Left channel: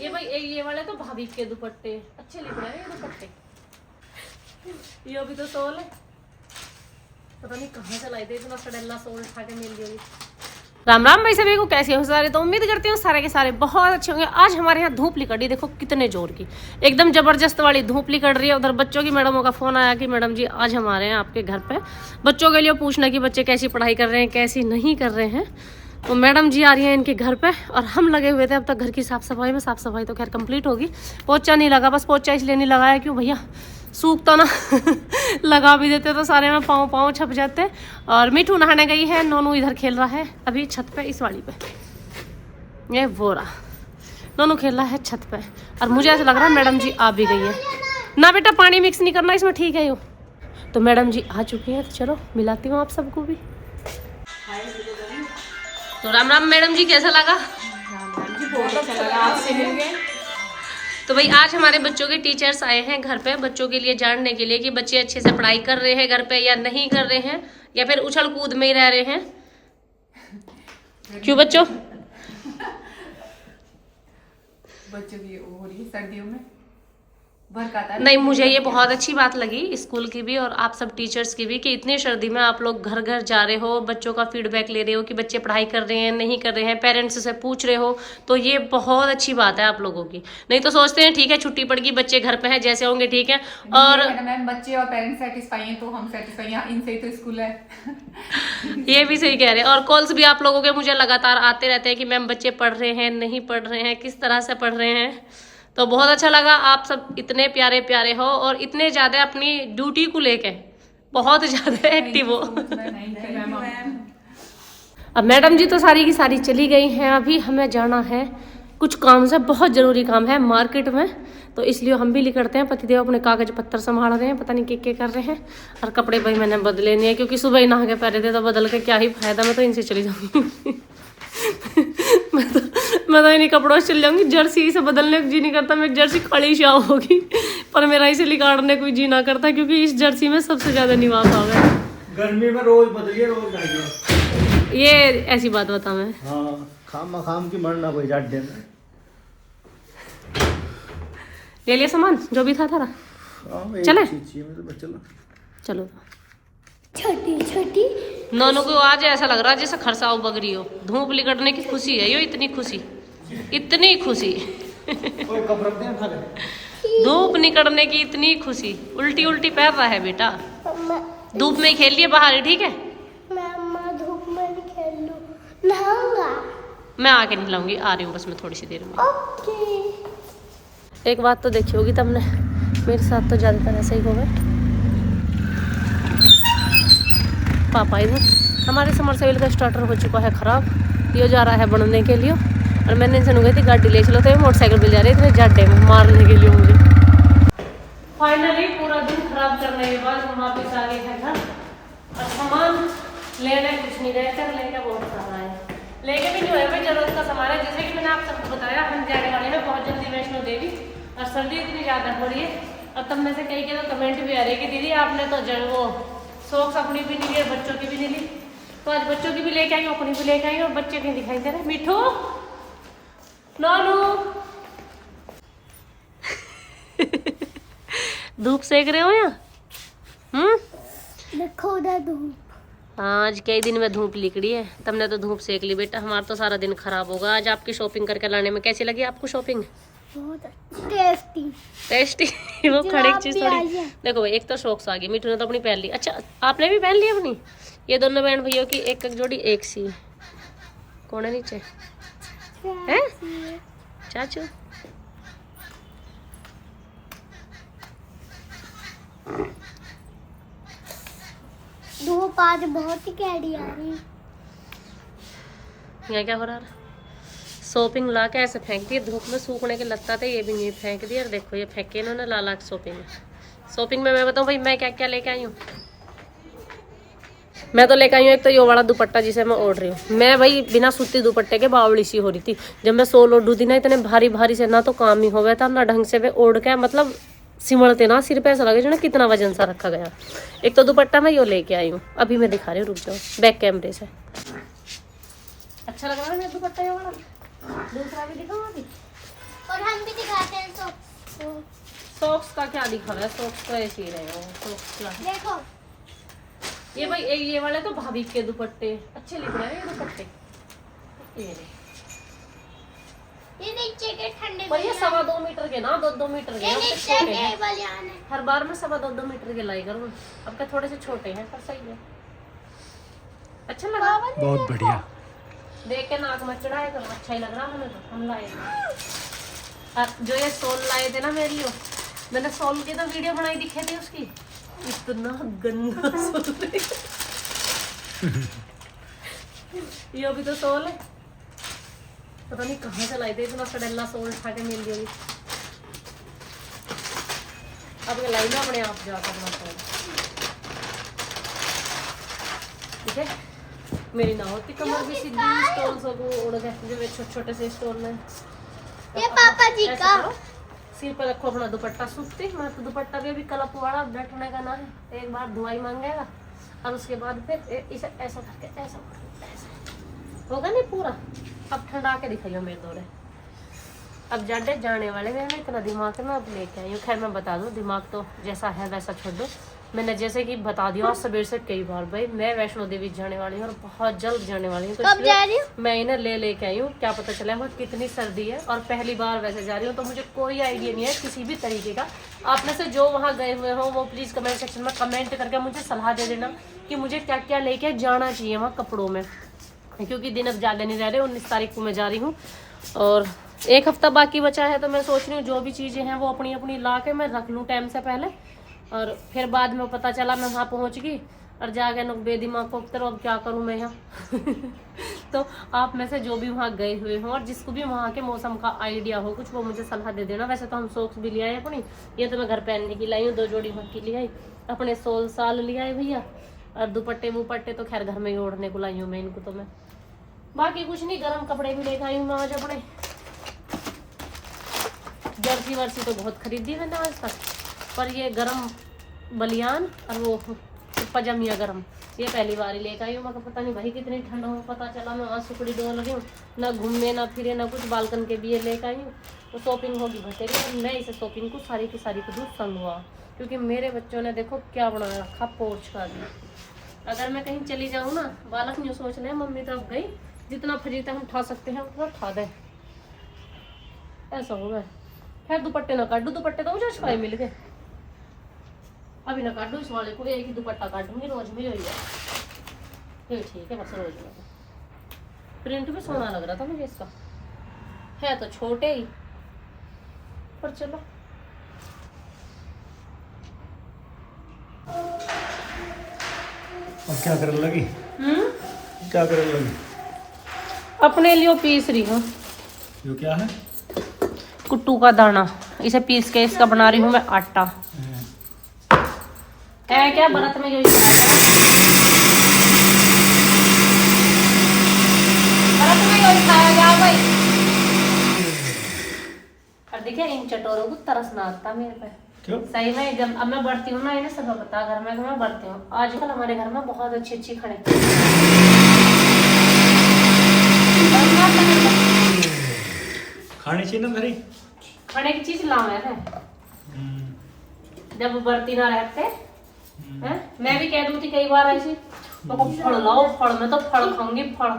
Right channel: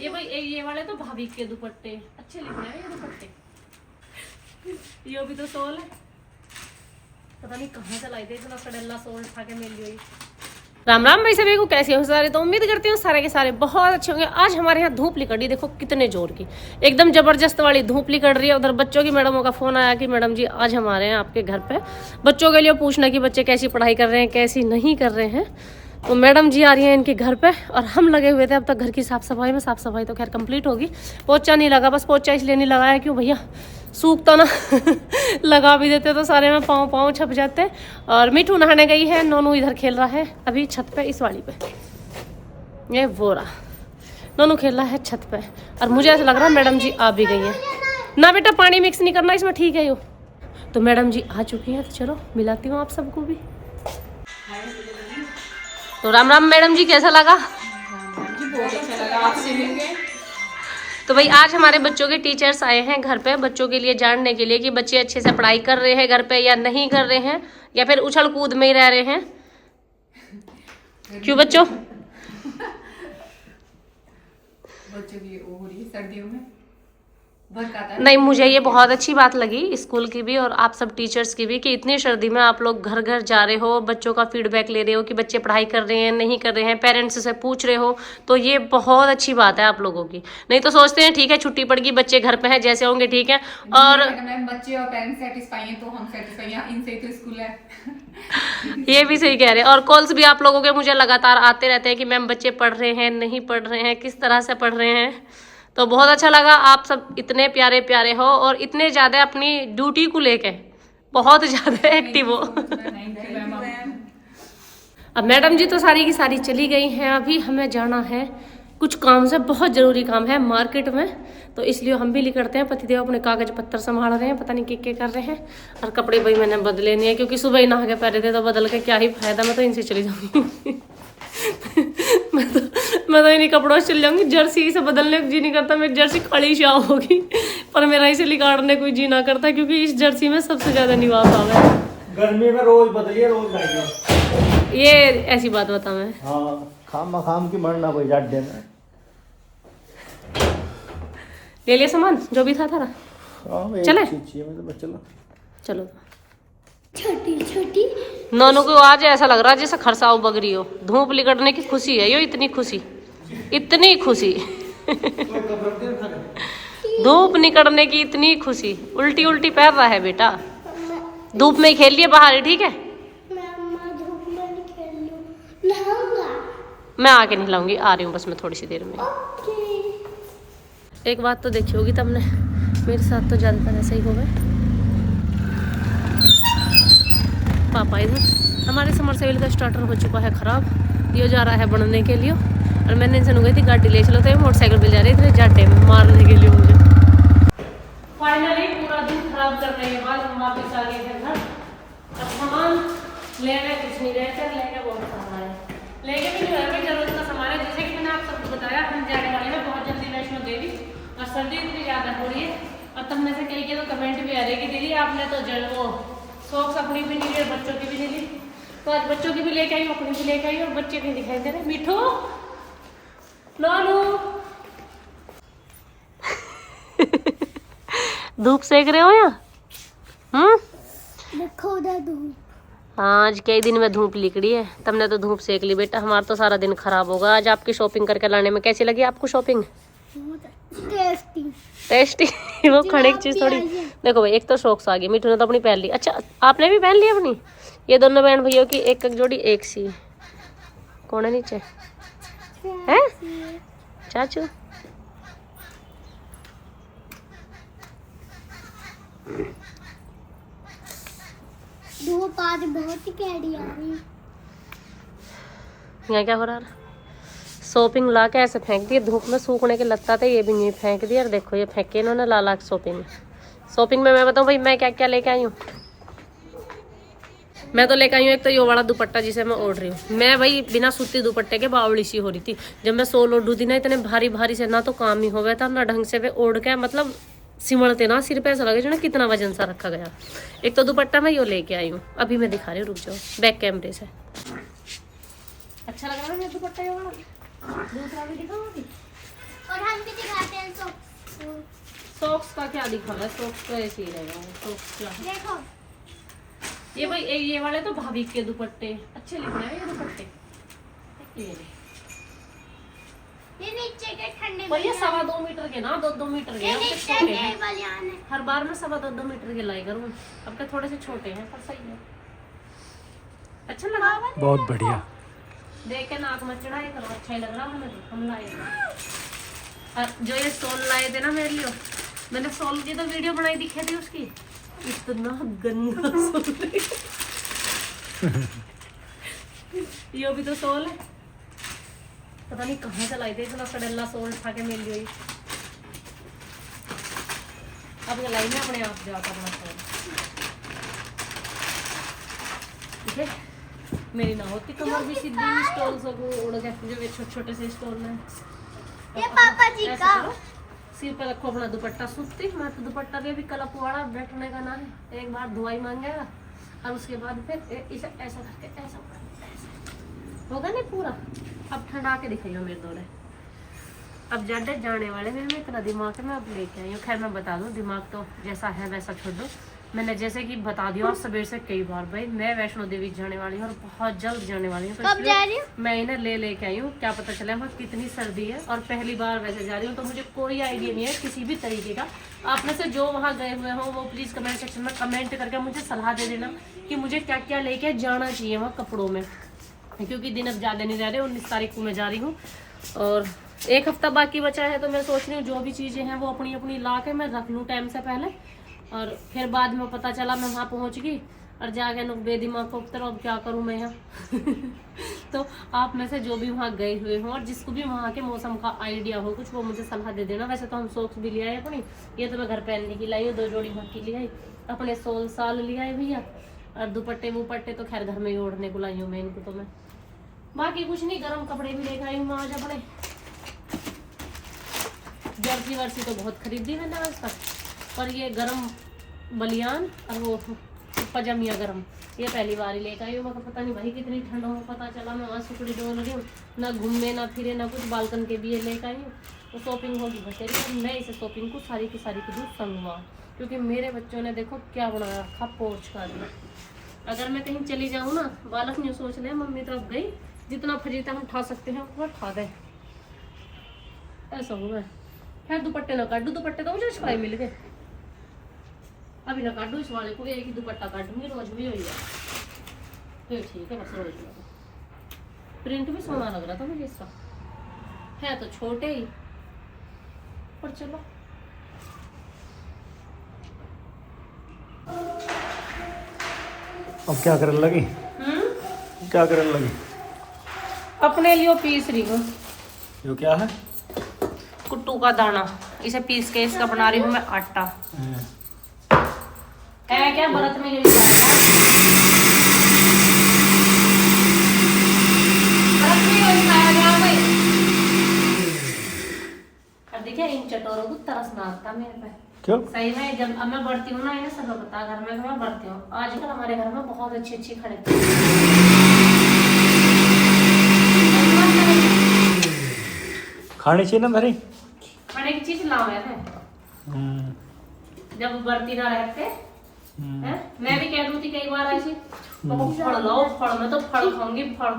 ये भाई ये वाले तो भाभी के दुपट्टे अच्छे लग रहे हैं, ये दुपट्टे। ये भी तो सोल है, पता नहीं कहाँ से लाए थे इतना सडेला सोल उठा के मिल गई। राम राम भाई सभी को, कैसे हो सारे? तो उम्मीद करती हूँ सारे के सारे बहुत अच्छे होंगे। आज हमारे यहाँ धूप लिकड़ी, देखो कितने जोर की, एकदम जबरदस्त वाली धूप लिकड़ रही है। उधर बच्चों की मैडमों का फोन आया कि मैडम जी आज हमारे यहाँ आपके घर पे बच्चों के लिए पूछना कि बच्चे कैसी पढ़ाई कर रहे हैं, कैसी नहीं कर रहे हैं। तो मैडम जी आ रही हैं इनके घर पे और हम लगे हुए थे अब तक घर की साफ सफाई में। साफ सफाई तो खैर कंप्लीट होगी, पोछा नहीं लगा, बस पोछा इसलिए नहीं लगाया क्यों भैया सूखता ना लगा भी देते तो सारे में पाँव पाँव छप जाते। और मिठू नहाने गई है, नोनू इधर खेल रहा है अभी छत पे, इस वाली पे ये वो रहा, नोनू खेल रहा है छत पे। और मुझे ऐसा लग रहा है मैडम जी आ भी गई है ना। बेटा पानी मिक्स नहीं करना इसमें, ठीक है यो। तो मैडम जी आ चुकी हैं, तो चलो मिलाती हूँ आप सबको भी। तो राम राम मैडम जी, कैसा लगा? जी बहुत अच्छा लगा, आपसे मिल गए। तो भाई आज हमारे बच्चों के टीचर्स आए हैं घर पे, बच्चों के लिए जानने के लिए कि बच्चे अच्छे से पढ़ाई कर रहे हैं घर पे या नहीं कर रहे हैं, या फिर उछल कूद में ही रह रहे हैं। क्यों बच्चों? बच्चों की वो हो रही है सर्दियों में वर्क आता है। नहीं, मुझे ये बहुत अच्छी बात लगी स्कूल की भी और आप सब टीचर्स की भी कि इतनी सर्दी में आप लोग घर घर जा रहे हो, बच्चों का फीडबैक ले रहे हो कि बच्चे पढ़ाई कर रहे हैं नहीं कर रहे हैं, पेरेंट्स से पूछ रहे हो। तो ये बहुत अच्छी बात है आप लोगों की। नहीं तो सोचते हैं ठीक है छुट्टी पड़ गई, बच्चे घर पे हैं, जैसे होंगे ठीक है। और मैम बच्चे और पेरेंट्स सेटिस्फाई हैं तो हम सेटिस्फाई हैं, इनसे ही तो स्कूल है। ये भी सही कह रहे हैं। और कॉल्स भी आप लोगों के मुझे लगातार आते रहते हैं कि मैम बच्चे पढ़ रहे हैं नहीं पढ़ रहे हैं, किस तरह से पढ़ रहे हैं। तो बहुत अच्छा लगा, आप सब इतने प्यारे प्यारे हो और इतने ज़्यादा अपनी ड्यूटी को लेके बहुत ज़्यादा एक्टिव हो। अब मैडम जी तो सारी की सारी चली गई हैं, अभी हमें जाना है कुछ काम से, बहुत ज़रूरी काम है मार्केट में। तो इसलिए हम भी निकलते हैं। पतिदेव अपने कागज पत्तर संभाल रहे हैं, पता नहीं क्या कर रहे हैं। और कपड़े भाई मैंने बदले नहीं है क्योंकि सुबह ही नहा के पहले थे, तो बदल के क्या ही फायदा, मैं तो इनसे चली जाऊंगी। मैं तो इन्हीं कपड़ों से चल जाऊंगी। जर्सी से बदलने को जी नहीं करता, मेरी जर्सी खड़ी शाह होगी, पर मेरा इसे लिकाड़ने कोई जी ना करता क्योंकि इस जर्सी में सबसे ज्यादा निवास आवे। गर्मी में रोज बदलिए रोज जाइए। ये ऐसी बात बता मैं। हाँ, खाम की मरना कोई जाट दे रहा है। ले लिया सामान जो भी था थारा? हाँ, चले चलो चलो। छोटी छोटी नोनू को आज ऐसा लग रहा है जैसे खरसाव बग रही हो। धूप लिकड़ने की खुशी है यो, इतनी खुशी, इतनी खुशी। धूप निकलने की इतनी खुशी, उल्टी उल्टी पैर रहा है बेटा। धूप में ही खेल लिए बाहर, ठीक है? मम्मा धूप में नहीं खेल लूं, नहाऊंगा। मैं आके नहीं लाऊंगी, आ रही हूँ बस मैं थोड़ी सी देर में। ओके। एक बात तो देखी होगी तुमने, मेरे साथ तो ज्यादातर ऐसा ही हो गए। पापा इधर, हमारे समरसेबल का स्टार्टर हो चुका है खराब, ये जा रहा है बनने के लिए। और मैंने इनसे गई थी गाड़ी ले चलो, तो ये मोटरसाइकिल पे जा रही थी जाड्डे में मारने के लिए मुझे। फाइनली पूरा दिन खराब करने के बाद हम वापस आ गए थे घर। और सामान लेने कुछ नहीं गए थे, लेके बहुत सारा है, लेके भी जो है भाई जरूरत का सामान है। जैसे कि मैंने आप सबको बताया हम जाने वाले हैं बहुत जल्दी वैष्णो देवी, और सर्दी इतनी ज़्यादा हो रही है। और तब में से कई के तो कमेंट भी आ रहे कि दीदी आपने तो वो सॉक्स अपनी भी नहीं ली, बच्चों की भी नहीं ली। तो आज बच्चों की भी लेके आई, अपनी भी लेके आई, और बच्चे भी दिखाई दे रहे। मिठू, नोनू धूप सेक रहे हो या? देखो उधर धूप। हाँ, आज कई दिन में धूप लिकड़ी है, तुमने तो धूप सेक ली बेटा, हमारा तो सारा दिन खराब होगा। आज आपकी शॉपिंग करके लाने में कैसी लगी आपको शॉपिंग? बहुत टेस्टी टेस्टी। वो खड़े चीज थोड़ी। देखो भाई, एक तो शॉक्स आ गई, मिठू ने तो अपनी पहन ली। अच्छा आपने भी पहन ली अपनी? ये दोनों बहन भैया की एक एक जोड़ी एक सी। कौन है नीचे? है चाचू। धूप आज बहुत ही कैडी आ रही। यहाँ क्या हो रहा है? शॉपिंग ला के ऐसे फेंक दिए, धूप में सूखने के लगता था, ये भी नहीं फेंक दिया। और देखो ये फेंके इन्होंने ला ला के शॉपिंग में मैं बताऊँ भाई मैं क्या क्या लेके आई हूँ। मैं तो लेकर आई हूँ एक तो ये वाला दुपट्टा जिसे मैं ओढ़ रही हूँ। मैं भाई बिना सूती दुपट्टे के बावली सी हो रही थी जब मैं सोल ओढ़ू थी ना, इतने भारी भारी से ना तो काम ही हो गया था ना ढंग से वे ओढ़ के, मतलब सिमड़ते ना सिर पे, ऐसा लगे जो ना कितना वजन सा रखा गया। एक तो दुपट्टा मैं यो लेके आई हूँ, अभी मैं दिखा रही हूँ, रुक जाओ बैक कैमरे से। अच्छा लग रहा है ना दुपट्टा ये वाला? दूसरा भी दिखाऊंगी। सॉक्स का क्या दिखा रहा है? सॉक्स तो ऐसे ही रहेगा। सॉक्स क्या है? देखो ये भाई ये वाले तो भाभी के दुपट्टे अच्छे लिख रहे हैं, ये दुपट्टे ये नीचे के ठंडे पर ये 2.25 मीटर के ना 2 मीटर के ये अब के नीचे छोटे के हैं। बलियान है। हर बार में 2.25 मीटर के लाई करूँ, अब के थोड़े से छोटे हैं पर सही है। अच्छा लगा बहुत बढ़िया। देख के नाक में चढ़ाए करो, अच्छा ही लग रहा हमें तो। हम लाए थे जो ये सोल लाए थे ना मेरे लिए, मैंने सोल की तो वीडियो बनाई दिखे थी उसकी, इतना गंदा सोल है। ये भी तो सोल है, पता नहीं कहाँ से लाए थे इतना सड़ेला सोल उठा के मिल गई। अब ये लाई ना अपने आप जाकर अपना सोल, ठीक है। मेरी ना होती कमर भी सीधी, स्टोल सब उड़ गए जो छोटे छोटे से स्टोल में। ये पापा जी ऐसा का करो, सिर पर रखो अपना दुपट्टा सूखती। मैं तो दुपट्टा भी अभी कलप वाला बैठने का ना है, एक बार धुआई मांगेगा और उसके बाद फिर इसे ऐसा करके ऐसा होगा नहीं पूरा। अब ठंडा के दिखाइयो मेरे दौरे। अब जाडे जाने वाले में मैं इतना दिमाग है, मैं अब लेके आई हूँ। खैर मैं बता दूँ, दिमाग तो जैसा है वैसा छोड़ दो। मैंने जैसे कि बता दिया आज सवेर से कई बार, भाई मैं वैष्णो देवी जाने वाली हूँ और बहुत जल्द जाने वाली हूँ, तो कब जा रही इसलिए मैं इन्हें लेके आई हूँ। क्या पता चला वहाँ कितनी सर्दी है, और पहली बार वैसे जा रही हूँ तो मुझे कोई आइडिया नहीं है किसी भी तरीके का। आप में से जो वहाँ गए हुए हो वो प्लीज़ कमेंट सेक्शन में कमेंट करके मुझे सलाह दे देना कि मुझे क्या क्या लेके जाना चाहिए वहाँ कपड़ों में, क्योंकि दिन अब ज़्यादा नहीं रह रहे। 19 तारीख को मैं जा रही हूँ और 1 हफ्ता बाकी बचा है, तो मैं सोच रही हूँ जो भी चीज़ें हैं वो अपनी अपनी ला के मैं रख लूँ टाइम से पहले, और फिर बाद में पता चला मैं वहाँ पहुँच गई और जाके नुक बेदिमाग को उतर, अब क्या करूँ मैं यहाँ। तो आप में से जो भी वहाँ गए हुए हों और जिसको भी वहाँ के मौसम का आइडिया हो कुछ, वो मुझे सलाह दे देना। वैसे तो हम सॉक्स भी ले आए अपनी, ये तो मैं घर पहनने की लाई हूँ, 2 जोड़ी वहाँ की ले आई, अपने सोल साल ले आए भैया, और दुपट्टे वुपट्टे तो खैर घर में ही ओढ़ने को लाई हूँ मैं इनको। तो मैं बाकी कुछ नहीं, गर्म कपड़े भी लेकर आई हूँ मैं आज अपने। जर्सी वर्सी तो बहुत खरीदी मैंने आज तक, पर ये गरम बलियान और वो पजामिया गरम ये पहली बार ही लेकर आई हूँ। मैं पता नहीं भाई कितनी ठंड हो, पता चला मैं वहाँ सुकड़ी डोल रही हूँ, ना घूमने ना फिरे ना कुछ, बालकन के भी लेकर आई हूँ। तो शॉपिंग होगी बतेरी, और मैं इसे शॉपिंग को सारी की सारी को दूँ संग हुआ, क्योंकि मेरे बच्चों ने देखो क्या बना रखा पोर्च का भी। अगर मैं कहीं चली जाऊँ ना, बालक नहीं सोच ले मम्मी तो अब गई, जितना फजीता हम उठा सकते हैं उतना उठा दें, ऐसा होगा। खैर दुपट्टे ना काटू, दुपट्टे तो मुझे छुपाए मिल गए, अभी ना काटू। इस वाले को एक ही दुपट्टा काटूंगी, रोज भी हो जाए फिर ठीक है, बस रोज में। प्रिंट भी सोना लग रहा था मुझे इसका, है तो छोटे ही पर चलो। अब क्या करने लगी? क्या करने लगी? अपने लिए पीस रही हूँ। जो क्या है? कुट्टू का दाना, इसे पीस के इसका बना रही हूँ मैं आटा। है क्या व्रत में यही खाया गया भाई। और देखिए इन चटोरों को तरस ना आता मेरे पे। क्यों? सही में जब अब मैं बढ़ती हूँ ना, इन्हें सब पता घर में मैं बढ़ती हूँ। आजकल हमारे घर में बहुत अच्छी अच्छी खड़े खानी चाहिए ना भाई, खाने की चीज लावे है। जब बढ़ती ना रहते हैं, मैं भी कह दूँ थी कई बार ऐसी, तो फल लाओ, फल में तो फल खाऊंगी फल।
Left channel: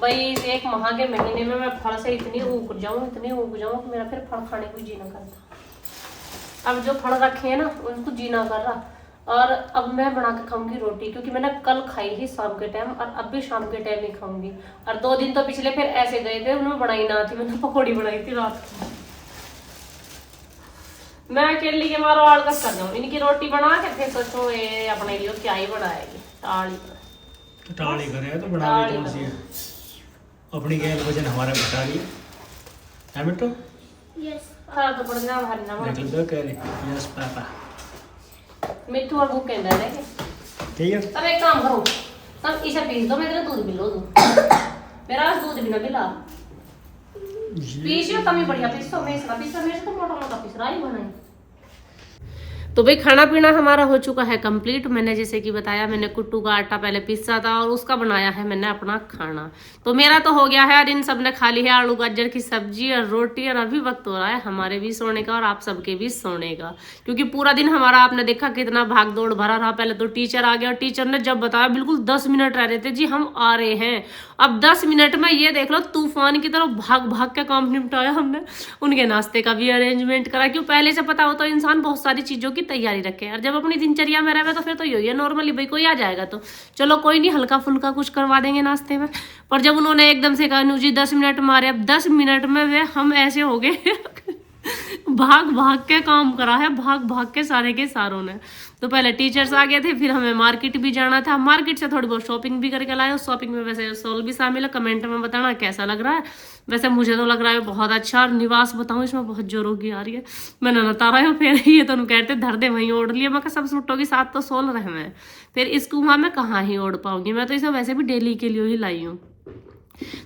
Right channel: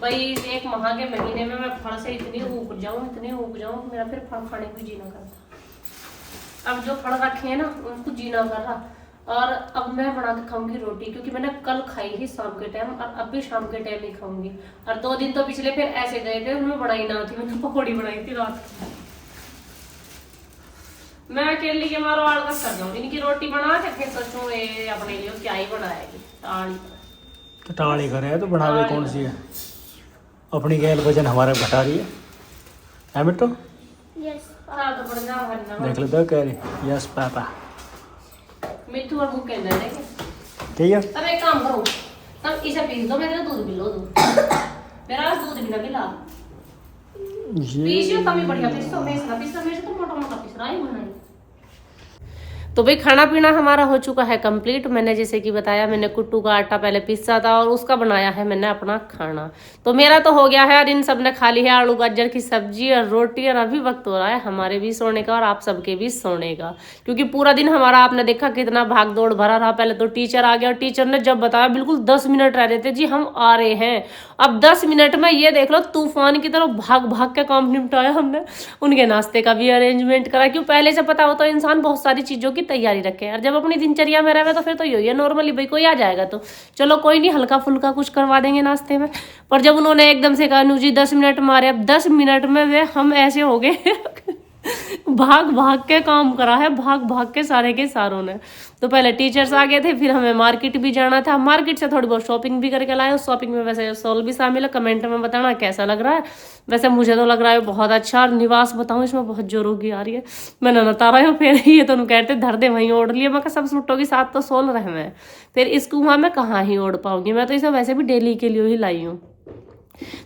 भाई 1 माह के महीने में मैं फल से इतनी ऊब जाऊँ कि मेरा फिर फल खाने को जी ना करता। अब जो फल रखे हैं ना उनको जी ना कर रहा, और अब मैं बना के खाऊंगी रोटी, क्योंकि मैंने कल खाई ही शाम के टाइम और अब भी शाम के टाइम ही खाऊंगी। और 2 दिन तो पिछले फिर ऐसे गए थे, उन्होंने बनाई ना थी, मैंने पकौड़ी बनाई थी रात को। मैं अकेली के मारो आलस कर दूँ, इनकी रोटी बना के फिर सोचो ये अपने लिए क्या ही बनाएगी। टाली तो टाली करे तो बना दे, कौन सी है? अपनी गैल वजन हमारा घटा रही है मिट्टू? यस तो बढ़िया भरना देख लो कह रही यस पापा। मिट्टू और भूख कहना है ठीक है। अब एक काम करो, तब इसे पीस दो, मैं तेरा दूध पिलो दूँ, मेरा दूध भी ना पिला। पीस लो कमी बढ़िया पीस, तो मैं इसका पीस तो मेरे को मोटा मोटा पीस रहा है। तो भाई खाना पीना हमारा हो चुका है कंप्लीट। मैंने जैसे कि बताया, मैंने कुट्टू का आटा पहले पीसा था और उसका बनाया है मैंने अपना खाना। तो मेरा तो हो गया है और इन सब ने खा ली है आलू गाजर की सब्जी और रोटी। और अभी वक्त हो रहा है हमारे भी सोने का और आप सबके भी सोने का, क्योंकि पूरा दिन हमारा आपने देखा कितना भाग दौड़ भरा रहा। पहले तो टीचर आ गया और टीचर ने जब बताया बिल्कुल 10 मिनट रह रहे थे जी हम आ रहे हैं। अब 10 मिनट में ये देख लो तूफान की तरह भाग भाग के काम निपटाया हमने। उनके नाश्ते का भी अरेंजमेंट करा, क्यों पहले से पता हो तो इंसान बहुत सारी चीजों की तैयारी रखे। और जब अपनी दिनचर्या में रहे तो फिर तो यही है नॉर्मली, भाई कोई आ जाएगा तो चलो कोई नहीं, हल्का फुल्का कुछ करवा देंगे नाश्ते में। पर जब उन्होंने एकदम से कहा जी 10 मिनट मारे, अब 10 मिनट में वे हम ऐसे हो गए भाग भाग के काम करा है, भाग भाग के सारे के सारों ने। तो पहले टीचर्स आ गए थे, फिर हमें मार्केट भी जाना था, मार्केट से थोड़ी बहुत शॉपिंग भी करके लाए। उस शॉपिंग में वैसे सोल भी शामिल है। कमेंट में बताना कैसा लग रहा है। वैसे मुझे तो लग रहा है बहुत अच्छा। और निवास बताऊं इसमें बहुत जोरों की आ रही है। मैंने नता रहा हूँ फिर ये तो कहते धर दे वहीं ओढ़ लिया। मैं सब सूटों के साथ तो सोल रहे मैं, फिर इसको वहाँ मैं कहाँ ही ओढ़ पाऊंगी। मैं तो इसे वैसे भी डेली के लिए ही लाई हूँ।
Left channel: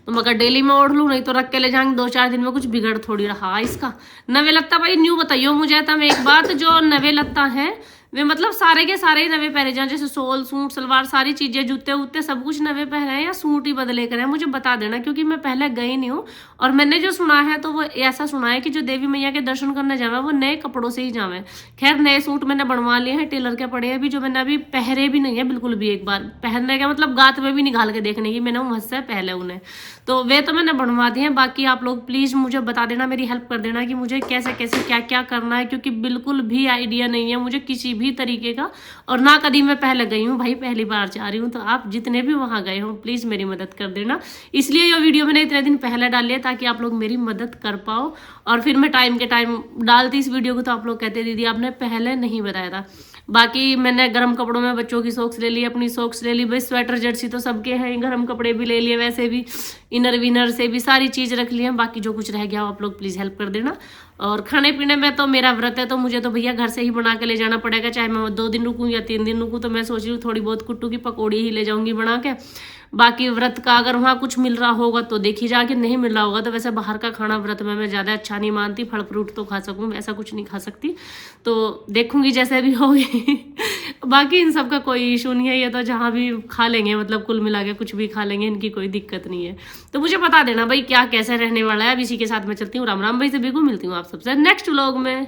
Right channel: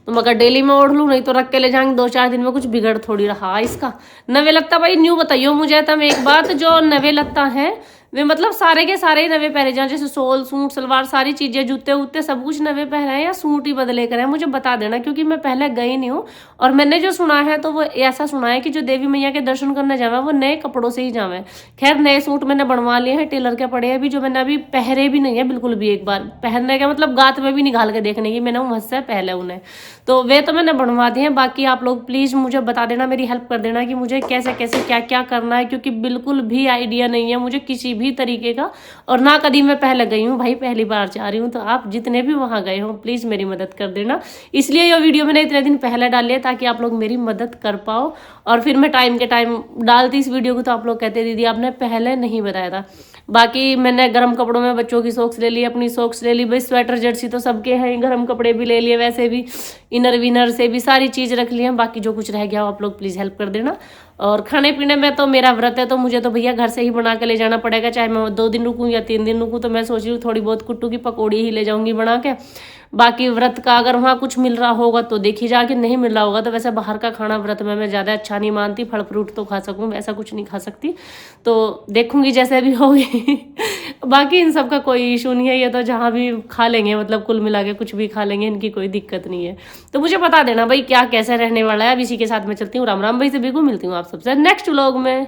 तो मगर डेली में ओढ़ लूँ, नहीं तो रख के ले जाएंगे 2-4 दिन में, कुछ बिगड़ थोड़ी रहा इसका। नवे लगता भाई न्यू बताइयो मुझे तब एक बात, जो नवे लगता है वे मतलब सारे के सारे ही नवे पहने जाए, जैसे सोल सूट सलवार सारी चीजें जूते उते सब कुछ नवे पहने हैं या सूट ही बदले कर हैं, मुझे बता देना। क्योंकि मैं पहले गई नहीं हूँ और मैंने जो सुना है तो वो ऐसा सुना है कि जो देवी मैया के दर्शन करने जावे वो नए कपड़ों से ही जावे। खैर नए सूट मैंने बनवा लिए हैं, टेलर के पड़े हैं अभी, जो मैंने अभी पहरे भी नहीं है बिल्कुल भी। एक बार पहनने का मतलब गात में भी निकाल के देखने की मैंने मुझ से पहले उन्हें, तो वे तो मैंने बनवा दिए हैं। बाकी आप लोग प्लीज मुझे बता देना, मेरी हेल्प कर देना कि मुझे कैसे कैसे क्या क्या करना है, क्योंकि बिल्कुल भी आइडिया नहीं है मुझे किसी भी तरीके का। और ना कभी मैं पहले गई हूँ भाई, पहली बार जा रही हूँ। तो आप जितने भी वहां गए हो प्लीज मेरी मदद कर देना। इसलिए ये वीडियो मैंने इतने दिन पहले डाली है ताकि आप लोग मेरी मदद कर पाओ। और फिर मैं टाइम के टाइम डालती इस वीडियो को तो आप लोग कहते दीदी आपने पहले नहीं बताया था। बाकी मैंने गर्म कपड़ों में बच्चों की सॉक्स ले ली, अपनी सॉक्स ले ली, भाई स्वेटर जर्सी तो सबके हैं, गर्म कपड़े भी ले लिए, वैसे भी इनर विनर से भी सारी चीज़ रख ली है। बाकी जो कुछ रह गया हो आप लोग प्लीज़ हेल्प कर देना। और खाने पीने में तो मेरा व्रत है तो मुझे तो भैया घर से ही बना के ले जाना पड़ेगा, चाहे मैं 2 दिन रुकूँ या 3 दिन रुकूँ। तो मैं सोच रही हूँ थोड़ी बहुत कुट्टू की पकौड़ी ही ले जाऊंगी बना के। बाकी व्रत का अगर वहाँ कुछ मिल रहा होगा तो देखी जाके, नहीं मिल रहा होगा तो वैसे बाहर का खाना व्रत में मैं ज़्यादा अच्छा नहीं मानती। फल फ्रूट तो खा सकूँ, वैसा कुछ नहीं खा सकती, तो देखूंगी जैसे भी होगी बाकी इन सब का कोई इशू नहीं है, ये तो जहाँ भी खा लेंगे, मतलब कुल मिला के कुछ भी खा लेंगे, इनकी कोई दिक्कत नहीं है। तो मुझे बता देना भाई क्या कैसे रहने वाला है। अब इसी के साथ मैं चलती हूँ, राम राम भाई से बिल्कुल मिलती हूँ आप सबसे नेक्स्ट व्लॉग में।